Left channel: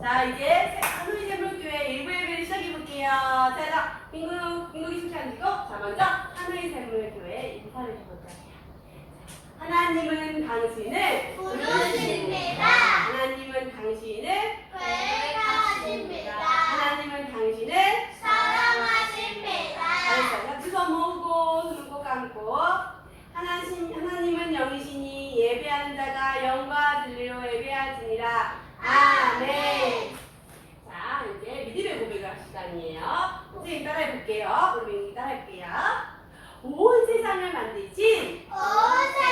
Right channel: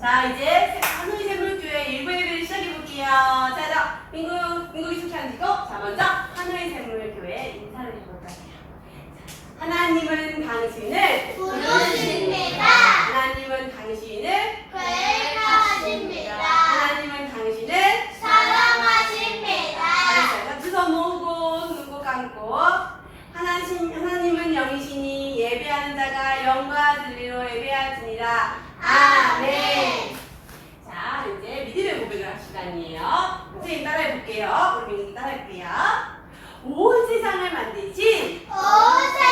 자, 이제 하늘이 샘물교회 일부 예배를 시작해볼게요. 자, 자, 민국, 민국이 숙제하시고, 자, 먼저 하늘이 샘물교회 인사를 해볼 거예요. 하나님은 당신을 부르십니다. 하나님은 당신을 괴하십니다. 하나님은 당신을 사랑하십니다. 잘했어요. 두손 모으고 눈꼭 감고 하나님, 하나님은 영이시니 예배하는 자가 영과 진리로 예배하시니라. 아멘. 자, 이제 믿음의 고백을 할 시간이에요. 선생님 따라해 볼게요. 우리 민기 따라해 볼게요. 온 세상을 만드신 온 세상을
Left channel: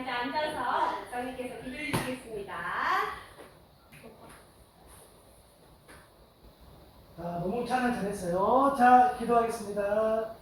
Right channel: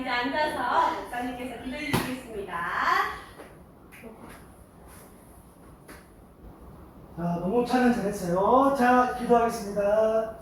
이어서 목사님께서 기도해 주시겠습니다. 자, 너무 찬양 잘했어요. 자, 기도하겠습니다.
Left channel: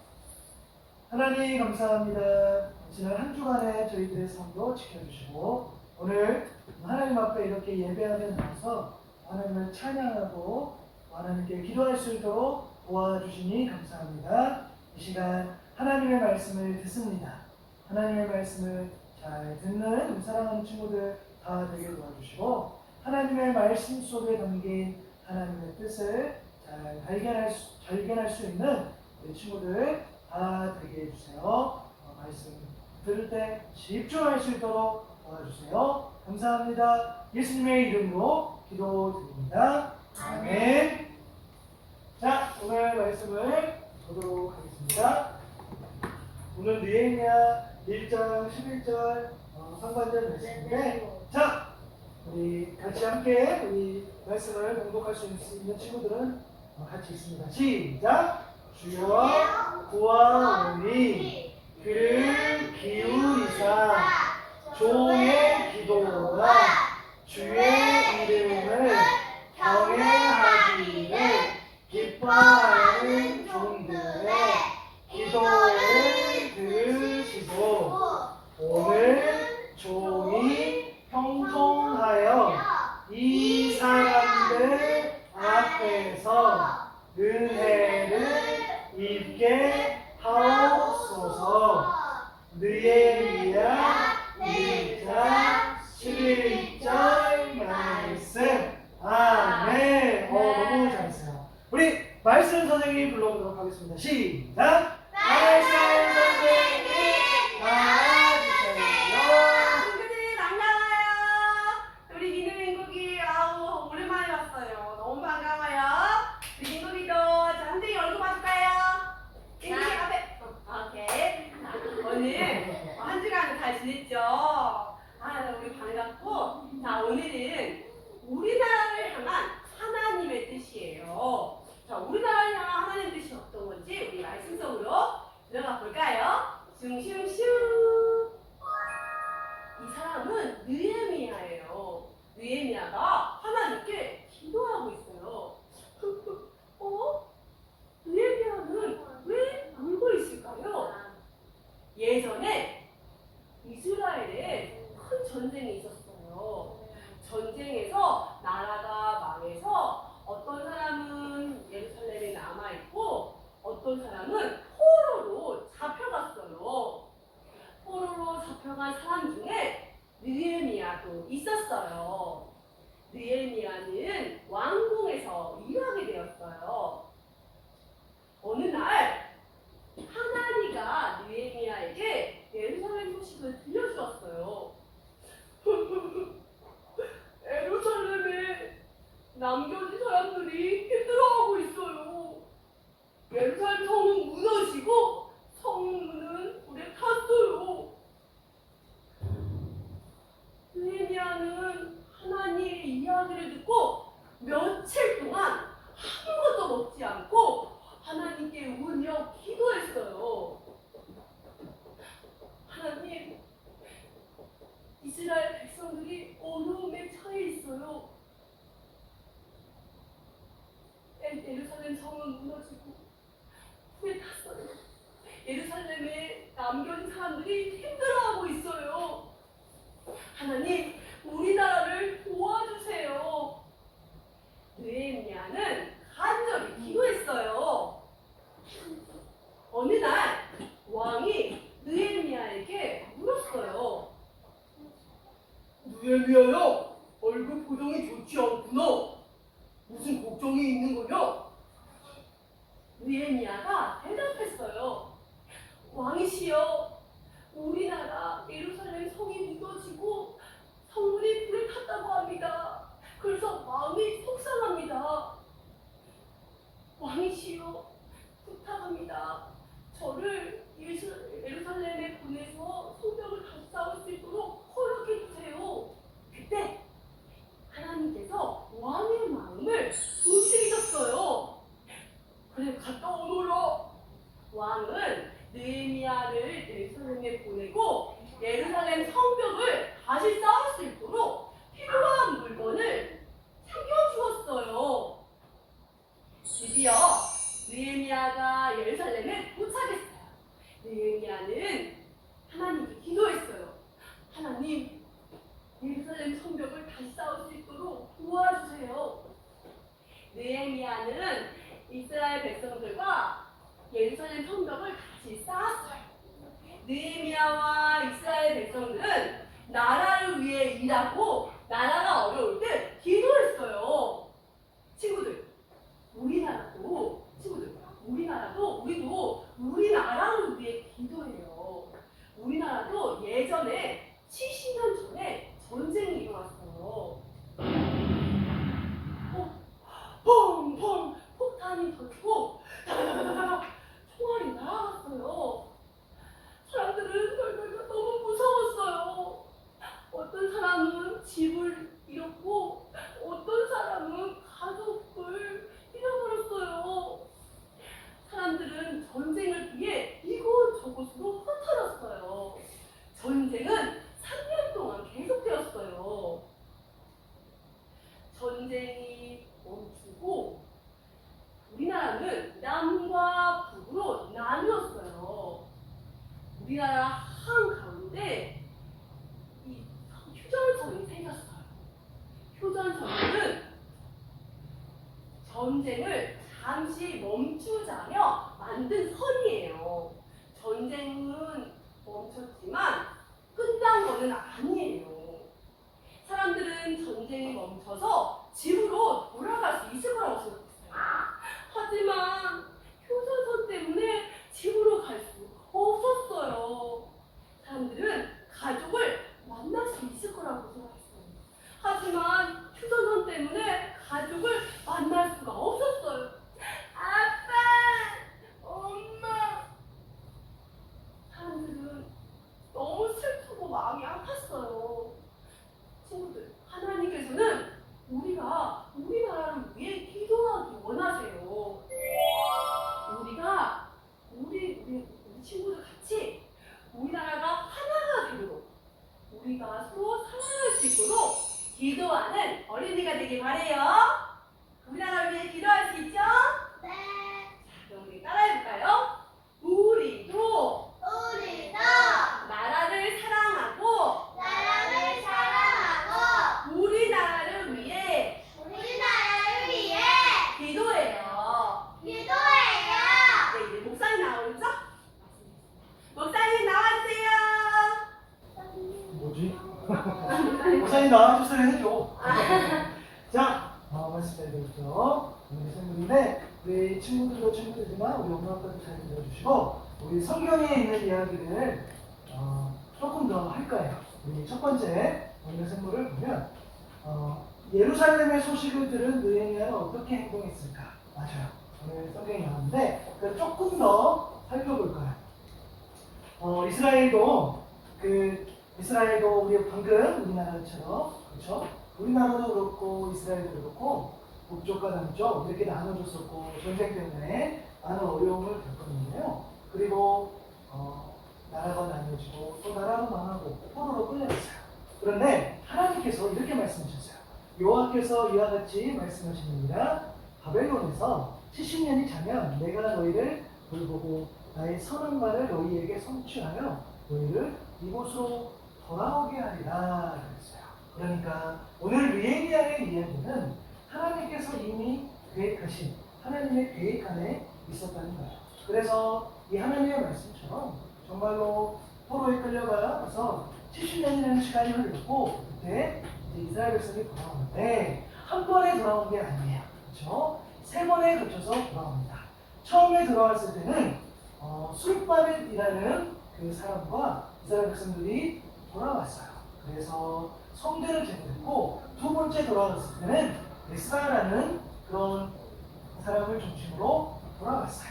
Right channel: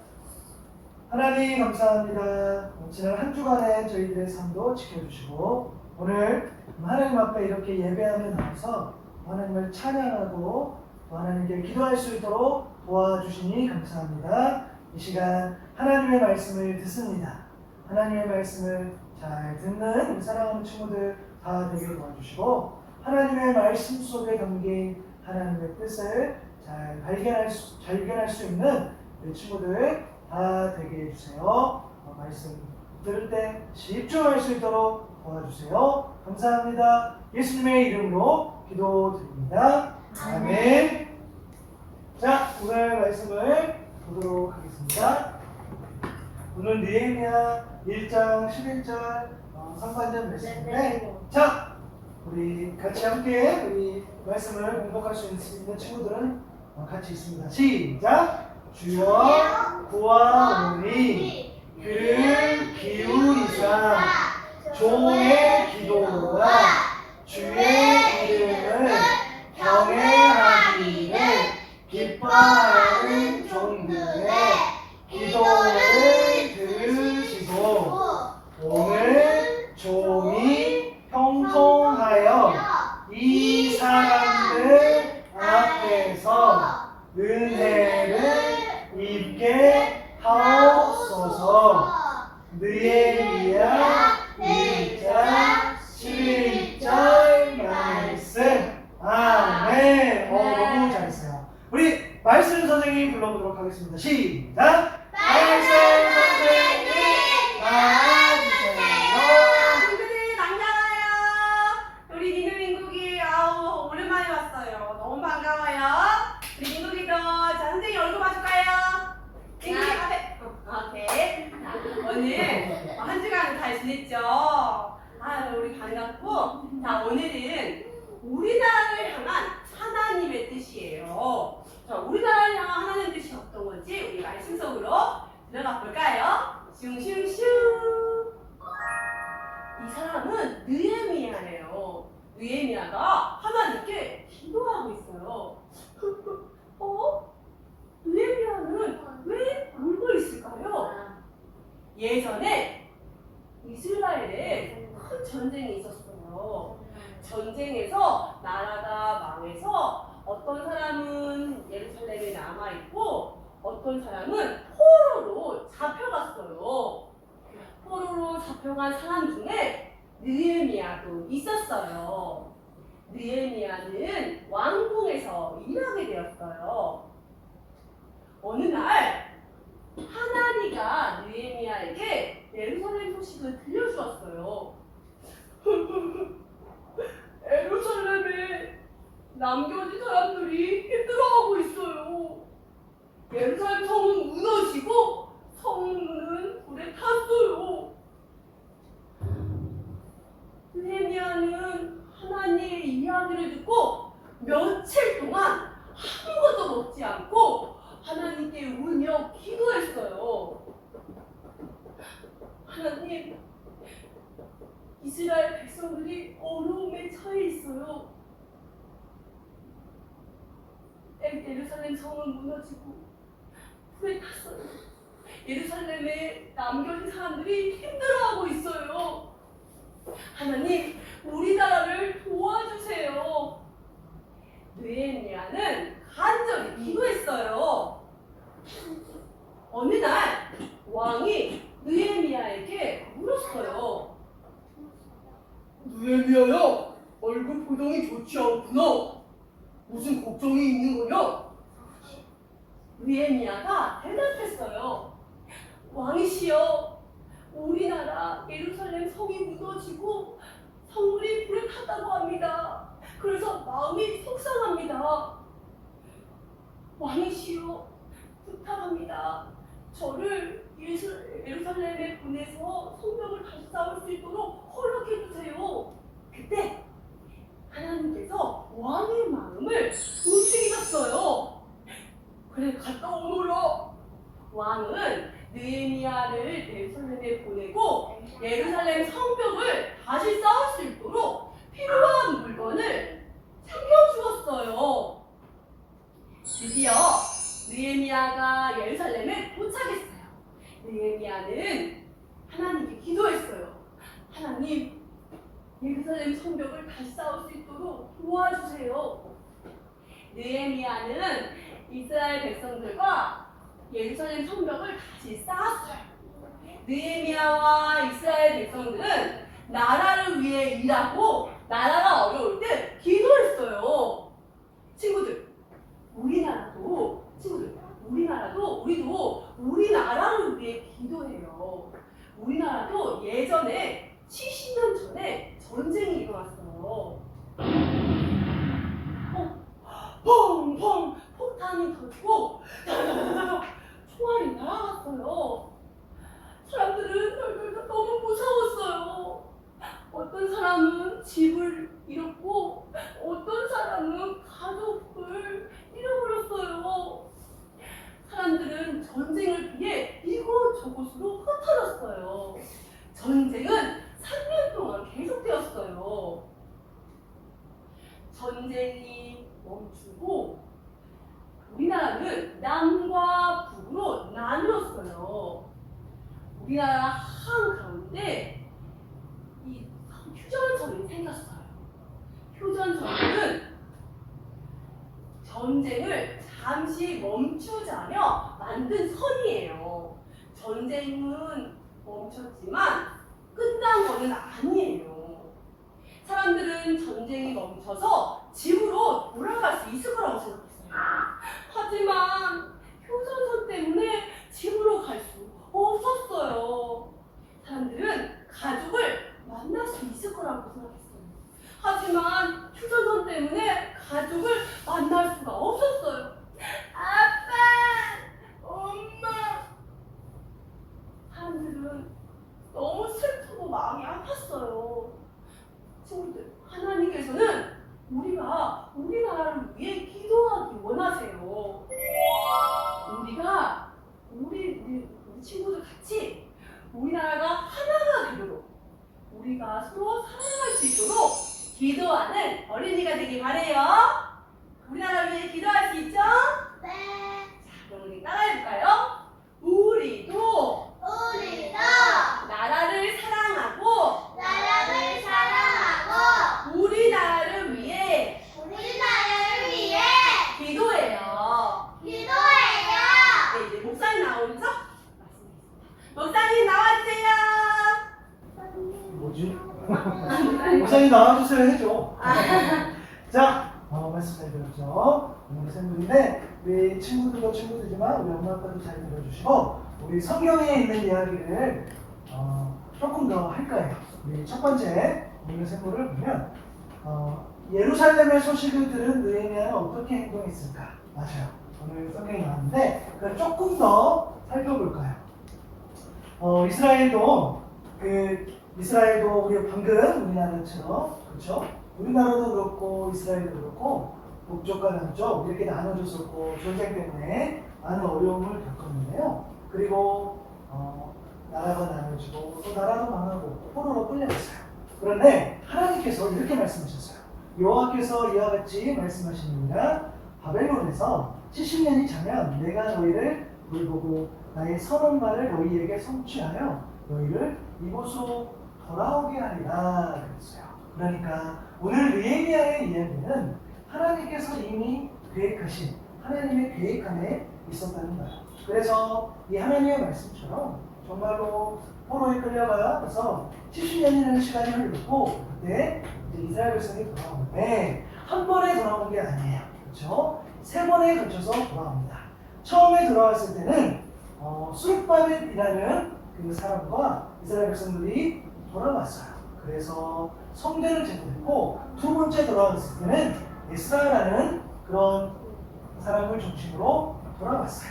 하나님 감사합니다. 지난 한 주간의 저희들의 삶도 지켜주시고 오늘 하나님 앞에 이렇게 예배하며 나와서 하나님을 찬양하고 하나님께 기도할 수 있도록 도와주시니 감사합니다. 이 시간 하나님의 말씀을 듣습니다. 하나님의 말씀을 잘 듣는 사랑하는 친구들 다 되게 도와주시고 하나님의 말씀 속에 담긴 하나님의 뜻을 잘 발견할 수, 발견할 수 있는 우리 친구들 다 되게 해주세요. 어, 말씀 들을 때 집중할 수 있도록 도와주세요. 감사합니다. 예수님의 이름으로 기도드립니다. 아멘. 자, 오늘 말씀을 보도록 하겠습니다. 오늘 느헤미야 1장 11절 어, 상관절 말씀인데 자, 우리 같이 함께 우리 말씀을 공독할 수 있는 친구들은 어, 같이 있습니다. 시작. 주여 구하오니 귀를 기울이사 종의 기도와 주의 이름을 경외하기를 기뻐하는 종들의 기도를 들으시고 오늘 종이 형통하여 이 사람들 앞에서 은혜를 입게 하옵소서 느헤미야 1장 11절 말씀 아멘 어 너무 잘했어요 우리 말씀 선생님 불러보도록 하겠습니다 시작 말씀 선생님 나와주세요 친구들 반가워요. 우리 민우 민국이 아우 오랜만에 왔어요. 너무 반가워요. 우리 민국이도 자 선생님 얼굴 봐줄까요? 민국이 앞에 어, 오케이. 자, 오늘 한 주간 잘 지냈죠? 아 우리 반갑고 자 오늘은 우리나라를 향한 하나님의 뜻이에요. 자 우리나라를 향한 하나님의 뜻이 어떤 건지 우리 말씀 속으로 들어가 볼까요? 슝슝슝. 이 사람은 느헤미야예요. 느헤미야가 하나님께 기도하고 있어요. 어? 느헤미야는 왜 울고 있을까요? 예전에 이스라엘에 큰 전쟁이 있었어요. 전쟁에서 나라가 망해서 어떤 사람은 예루살렘에 남아 있고 어떤 사람은 포로로 잡혀갔어요. 포로로 잡혀간 사람 중에 느헤미야도 있었어요. 느헤미야는 왕궁에서 일하게 되었어요. 어느 날 하나리가 느헤미야에게 예루살렘 소식을 들려주었어요. 예루살렘에 남겨진 사람들이 힘들어하고 있어요. 예루살렘 성 느헤미야와 이스라엘 백성들은 나라를 위해 일하고 나라가 어려울 때 기도했어요. 친구들, 우리나라도 친구들, 우리나라도 우리도 우리나라를 위해 기도해요. 우리나라도 예전에 수 있도록 기도하는 어린이가 되길 바래요. 우리나라를 위해 기도할 수 있죠? 자, 네. 그럼 우리 따라해볼까요? 우리도 우리도 나라를 사랑하고 나라를 사랑하고 우리나라를 위해 우리나라를 위해 기도해요. 기도해요. 네, 이제 목사님 나오죠? 목사님 나와주세요. 뭐지? 목사님 나와주세요 해줘. 자, 어, 말씀 잘 들었죠? 오늘 샘물인데 우리 친구들도 친구들이지만 우리 엄마 아빠도 잘 들어주시고 우리 성경에 있는 이야기를 어, 조금 더 할 거예요. 우리 첫 번째 오늘 샘물을 보면 어, 예루살렘의 소식을 들은 느헤미야는 어떻게 행동했을까? 맞아요. 오늘 성경이 나왔는데 그걸 조금 더 살펴볼까요? 어, 이스라엘도 그 이스라엘도 우리 방금 우리나라처럼 그렇죠? 우리나라도 그렇고 이스라엘도 그렇고 북쪽과 남쪽 이렇게 나눠졌었고 전쟁 때문에 많은 어려움을 겪었는데요. 그리고 어, 나라가 나눠지고 또 나라도 망하고 포로로 끌려갔어요. 그런데 하나님께서 이렇게 말씀하셨어요. 여호와께서 이와 같이 말씀하시느니라 바벨론에서 70년이 자면 내가 너희를 돌보고 나의 선한 말을 너희에게 성취하여 너희를 이곳으로 돌아오게 하리라 그랬어요. 그러니까 오늘 느헤미야의 이야기는 하나님께서 이미 계획하신 하나님의 계획 안에 있었다는 거예요. 그래서 이 하나님의 말씀처럼 정말로 포로에 끌려가서 70년이라는 시간이 흘렀고 그때 이스라엘 백성이 돌아오는데 한 번에 돌아온 게 아니에요. 그렇죠? 세 번에 걸쳐서 돌아옵니다. 처음에 돌아왔을 때는 어, 수르바벨이라는 그 사람과 이스라엘 백성들이 돌아왔어요. 그래서 성전을 제거했고 두 번째 돌아왔을 때는 에스라라는 그런 사람을 중심으로 돌아왔어요.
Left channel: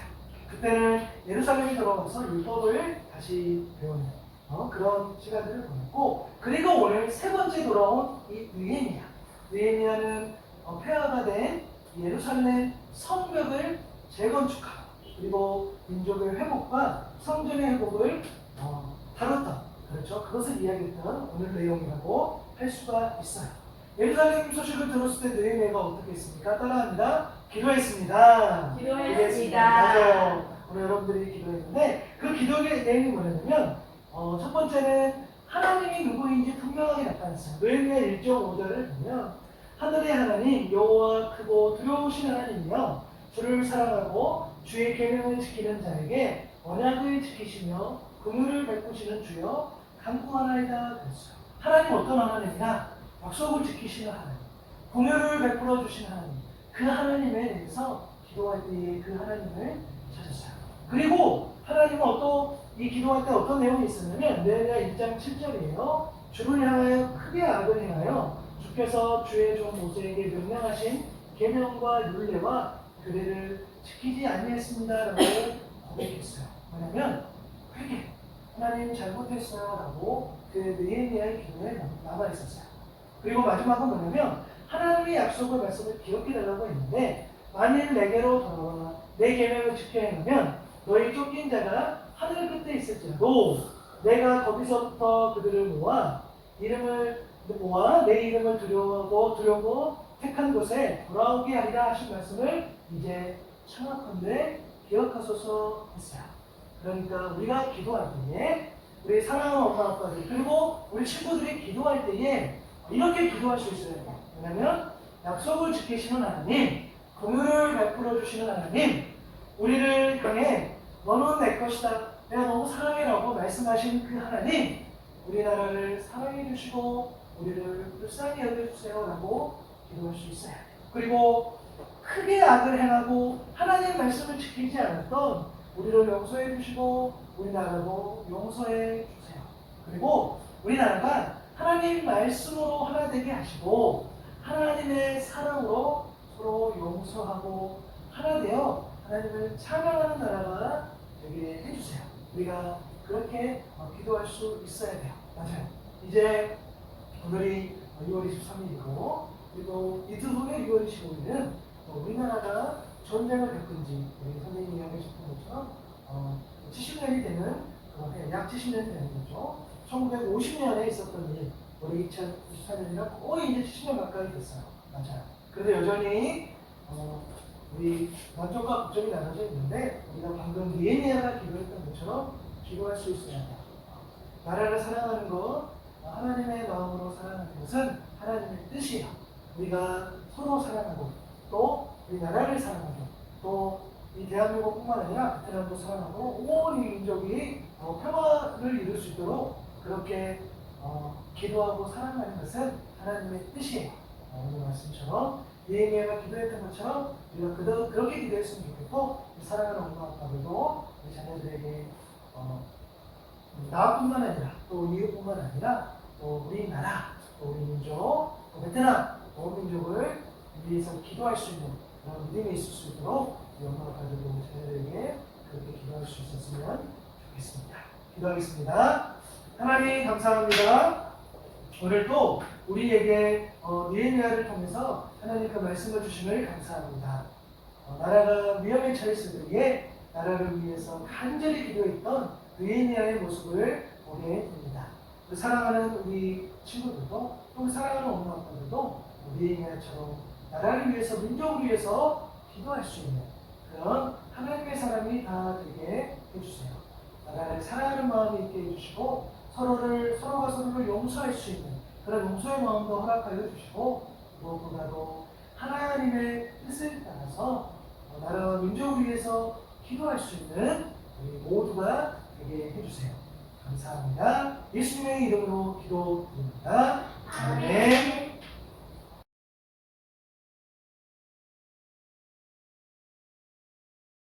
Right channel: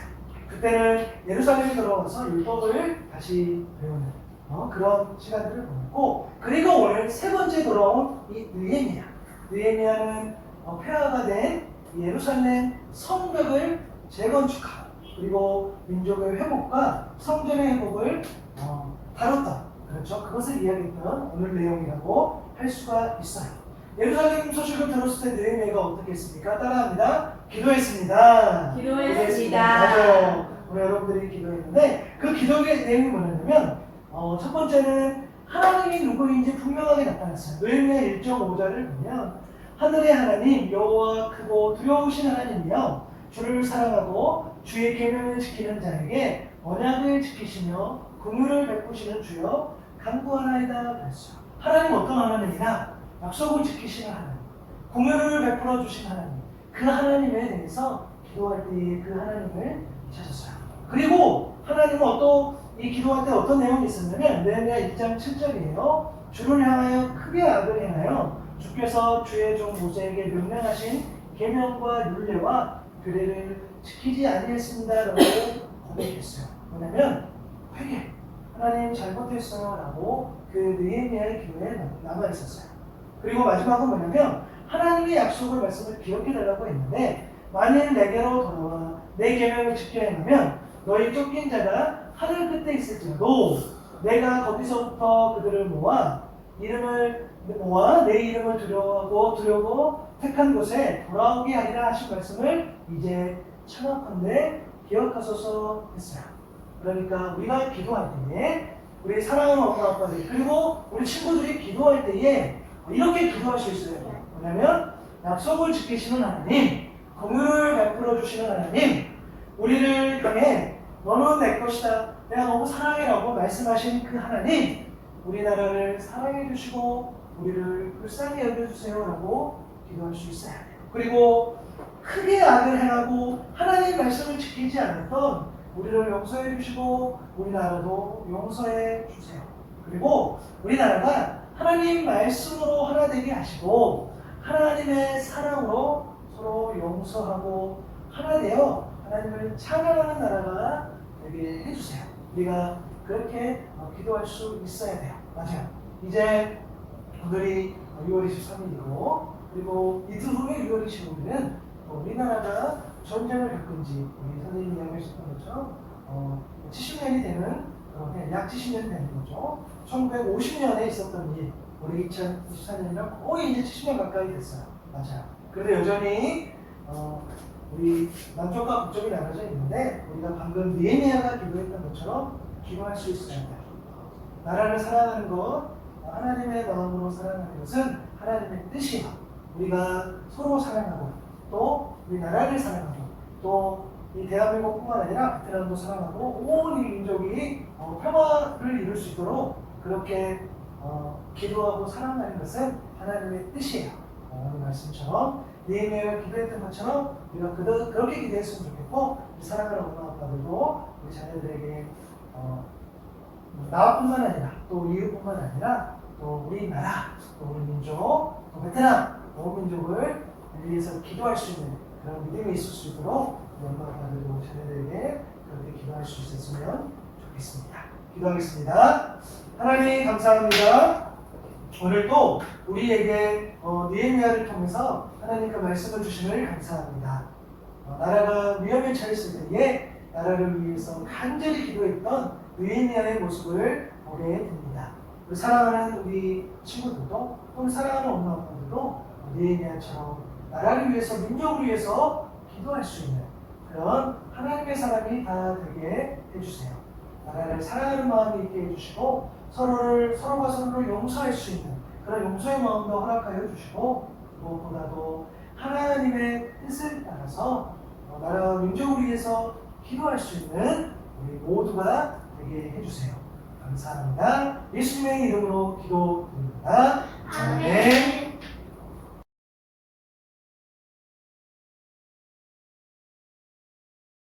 그때는 예루살렘에 돌아와서 율법을 다시 배우는 어, 그런 시간들을 보냈고 그리고 오늘 세 번째 돌아온 이 느헤미야 느헤미야는 어, 폐허가 된 예루살렘 성벽을 재건축하고 그리고 민족의 회복과 성전의 회복을 어, 다뤘던 그렇죠 그것을 이야기했던 오늘 내용이라고 할 수가 있어요. 예루살렘 소식을 들었을 때 느헤미야가 어떻게 했습니까? 따라합니다. 기도했습니다. 기도했습니다. 맞아요. 오늘 여러분들이 기도했는데 그 기도의 내용이 뭐냐면 어, 첫 번째는 하나님이 누구인지 분명하게 나타났어요. 느헤미야 1.5절을 보면 하늘의 하나님 여호와 크고 두려우신 하나님이여 주를 사랑하고 주의 계명을 지키는 자에게 약속을 지키시며 긍휼을 베푸시는 주여 간구하나이다 그랬어요. 하나님 어떤 하나님이나 약속을 지키시는 하나님, 긍휼을 베풀어 주신 하나님, 그 하나님에 대해서 기도할 때 그 하나님을 찾았어요. 그리고 하나님은 어떤 이 기도할 때 어떤 내용이 있었냐면 느헤미야 1장 7절이에요. 주를 향하여 크게 행하여 주께서 주의 종 모세에게 명령하신 계명과 율례와 규례를 지키지 아니했습니다라고 고백했어요. 뭐냐면 회개 하나님 잘못했어요 라고 그 느헤미야의 기도에 남아 있었어요. 그리고 마지막은 뭐냐면 하나님의 약속을 말씀을 기억해 달라고 했는데 만일 내게로 돌아와 내 계명을 지켜야 하면 너희 쫓긴 자가 하늘 끝에 있을지라도 내가 거기서부터 그들을 모아 이름을 모아 내 이름을 두려워하고 두려워 택한 곳에 돌아오게 하리라 하신 말씀을 이제 청하건대 기억하소서 했어요. 그러니까 우리가 기도할 때에 우리 사랑하는 엄마 아빠들 그리고 우리 친구들이 기도할 때에 이렇게 기도할 수 있어요. 뭐냐면 약속을 지키시는 하나님, 공유를 베풀어 주시는 하나님, 우리를 향해 너는 내 것이다. 내가 너무 사랑해라고 말씀하신 그 하나님, 우리나라를 사랑해 주시고 우리를 불쌍히 여겨 주세요라고 기도할 수 있어요. 그리고 크게 악을 행하고 하나님 말씀을 지키지 않았던 우리를 용서해 주시고 우리나라도 용서해 주세요. 그리고 우리나라가 하나님 말씀으로 하나 되게 하시고 하나님의 사랑으로 서로 용서하고 하나 되어 하나님을 찬양하는 나라가 되게 해주세요. 우리가 그렇게 어, 기도할 수 있어야 돼요. 맞아요. 이제 오늘이 6월 23일이고 그리고 이틀 후에 6월 25일은 우리나라가 전쟁을 겪은 지 우리 선생님이 이야기하셨던 것처럼 어, 70년이 되는 어, 네, 약 70년 되는 거죠. 1950년에 있었던 일 우리 2024년이랑 거의 이제 70년 가까이 됐어요. 맞아요. 그런데 여전히 어, 우리 남쪽과 북쪽이 나눠져 있는데 우리가 방금 니에미아가 기도했던 것처럼 기도할 수 있어야 돼요. 나라를 사랑하는 것, 하나님의 마음으로 사랑하는 것은 하나님의 뜻이에요. 우리가 서로 사랑하고 또 우리 나라를 사랑하고 또 이 대한민국뿐만 아니라 베트남도 사랑하고 온이 민족이 어, 평화를 이룰 수 있도록 그렇게 어, 기도하고 사랑하는 것은 하나님의 뜻이에요. 어, 오늘 말씀처럼 니에미아가 기도했던 것처럼 우리가 그도, 그렇게 기도했으면 좋겠고 이 사랑하는 엄마 아빠들도 우리 자녀들에게 어, 나뿐만 아니라 또 이웃뿐만 아니라 또 우리나라, 또 우리 민족, 또 베트남, 온 민족을 위해서 기도할 수 있는 믿음이 있을 수 있도록 우리 자녀들에게 그렇게 기도할 수 있었으면 좋겠습니다. 기도하겠습니다. 하나님 감사합니다. 오늘 또 우리에게 어, 니에미아를 통해서 하나님 그 말씀을 주심을 감사합니다. 어, 나라가 위험에 처했을 때에 나라를 위해서 간절히 기도했던 느헤미야의 모습을 보게 됩니다. 우리 사랑하는 우리 친구들도 또 사랑하는 엄마 아빠들도 느헤미야처럼 나라를 위해서 민족을 위해서 기도할 수 있는 그런 하나님의 사람이 다 되게 해주세요. 나라를 사랑하는 마음이 있게 해주시고 서로를 서로가 서로를 용서할 수 있는 그런 용서의 마음도 허락하여 주시고 무엇보다도 하나님의 뜻을 따라서 어, 나라와 민족을 위해서 기도할 수 있는 우리 모두가 되게 해주세요. 감사합니다. 예수님의 이름으로 기도드립니다. 아멘.